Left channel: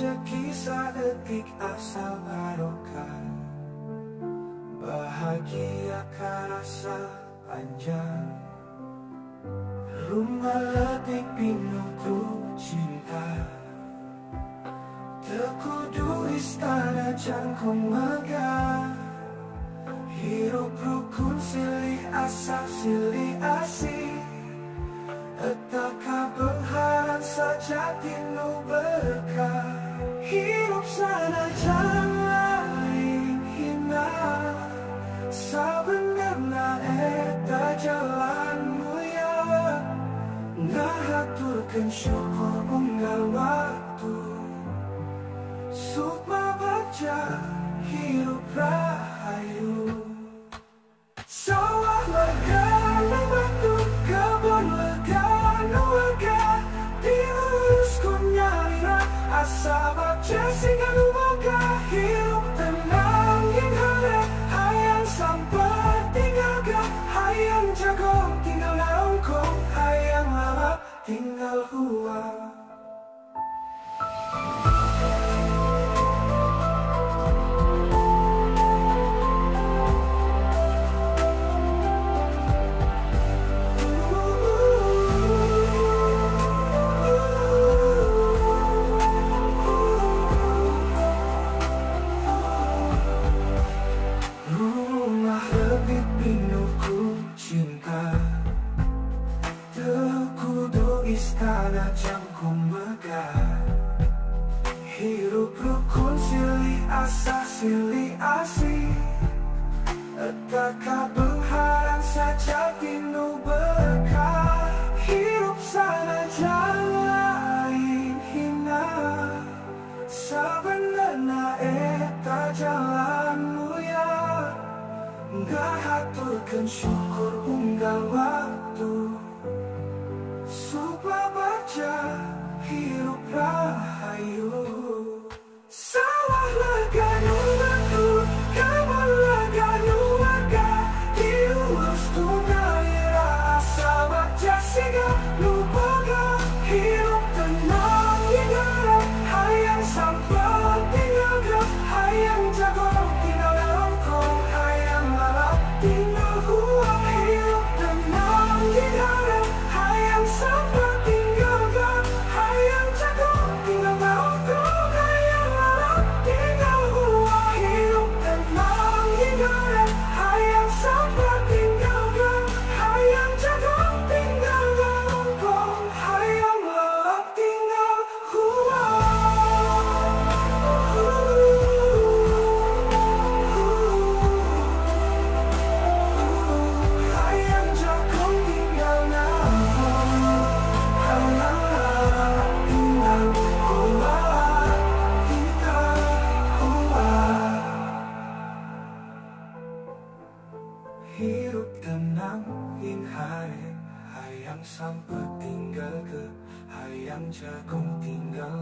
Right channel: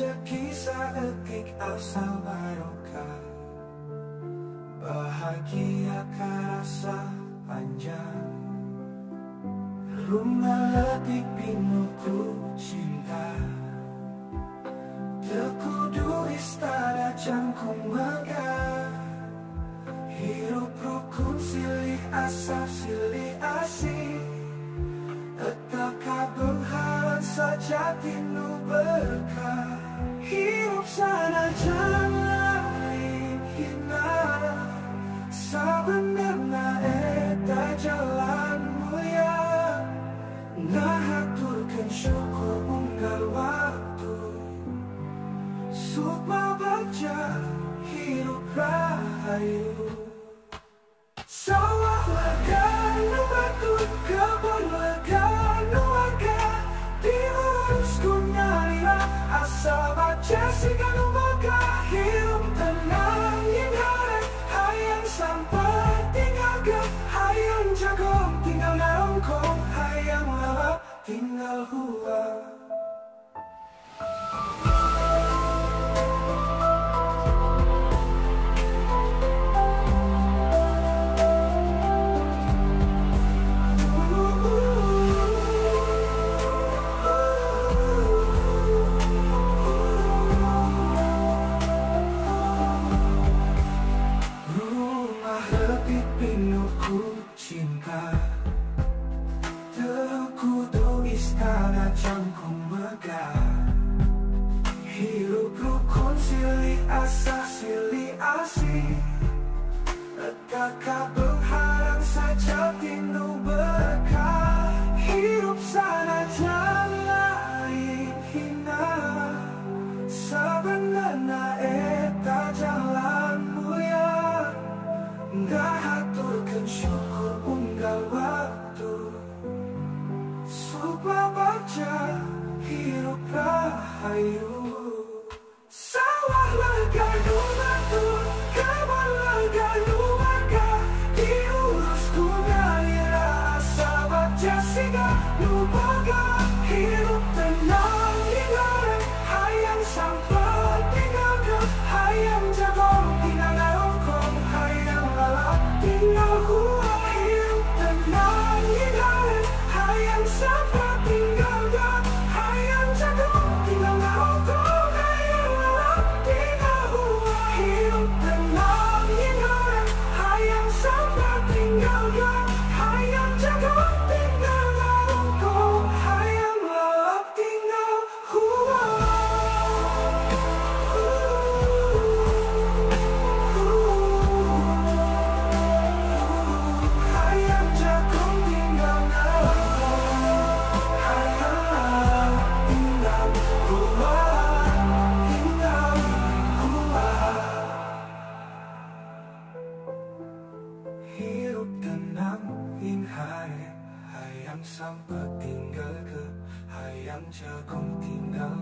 rezeki seetik asal barokah, bahagia karasa panjang. Rumah letik pinuhku cinta, tekudu istana jangkung megah. Hirup rukun silih asa silih asih, etaka penghalang sejati nu berkah. Hirup sana lain hina, sabenerna eta jalan mulia. Ngahaturkeun syukur unggal waktu, sukma baca hirup rahayu. Sawah lega nu batu, kebun lega nu warga, diurus ku nyalina asa baca siga nu boga. Hirup tenang yang hare, hayang sampai tinggal ke, hayang jagong tinggal narongkong, hayang lalap tinggal hua. Tekudu istana jangkung megah. Hirup rukun silih asa silih asih, etaka penghalang sejati nu berkah. Hirup sana lain hina, sabenerna eta jalan mulia. Ngahaturkeun syukur unggal waktu, sukma baca hirup rahayu. Sawah lega nu batu, kebun lega nu warga, diurus ku ngalira asa baca siga nu boga. Hirup tenang hingga hayang sampai tinggal ke, hayang jagong tinggal narongkong, hayang lalap tinggal hua. Hirup tenang hingga hayang sampai tinggal ke, hayang jagong tinggal narongkong, hayang lalap tinggal hua. Hirup tenang hingga hayang sampai tinggal ke, hayang jagong tinggal narongkong, hayang lalap tinggal hua. Hayang jagong tinggal narongkong, hayang lalap tinggal hua, tinggal hua. Hirup tenang ing hare, hayang sampai tinggal ke, hayang jagong tinggal